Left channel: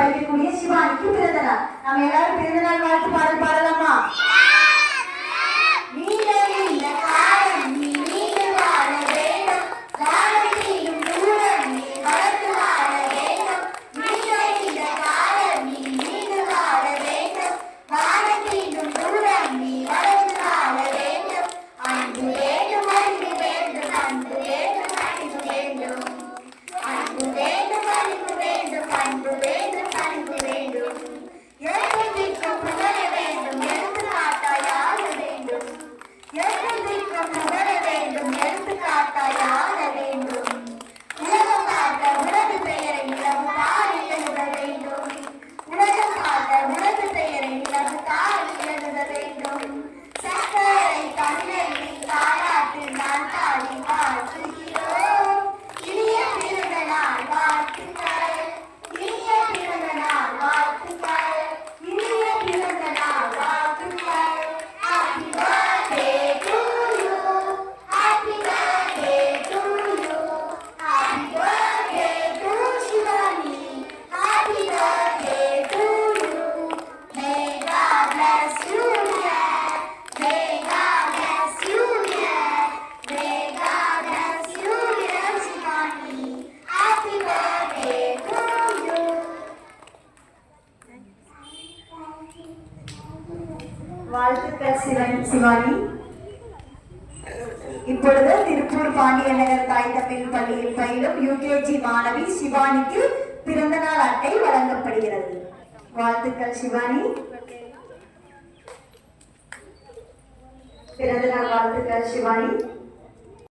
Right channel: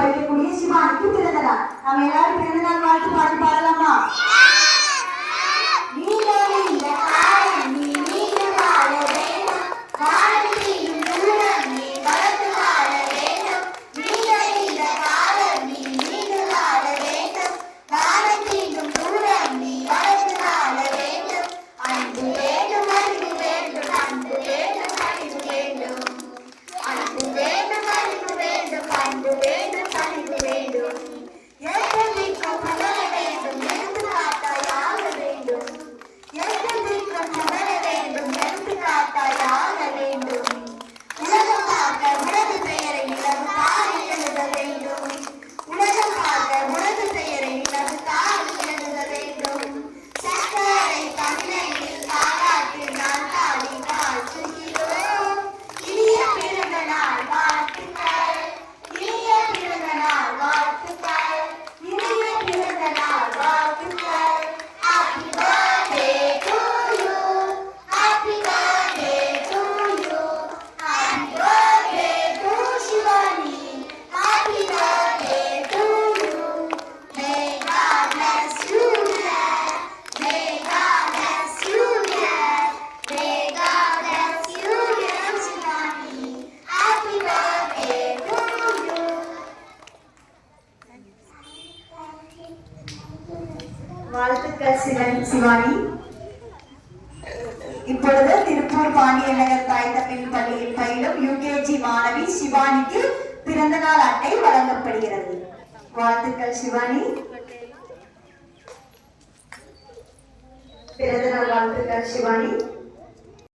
படிக்கக்கூடிய சிவானிக்கு பிறந்த நாள். நம்ம எல்லாரும் பிறந்த நாள் வாழ்த்து பாடல் பாடலாமா? வாழ்த்துக்கள் சிவானி. இப்பொழுது திருப்பூர் பாண்டிய நகர் தாய் தமிழ் பள்ளியில் பயிலும் யுகேஜி மாணவி சிவானிக்கு பிறந்த நாள் அட்டை வழங்கப்படுகிறது. வாழ்த்துக்கள் சிவானி. பிறந்த நாள் வாழ்த்துக்கள் சிவானி.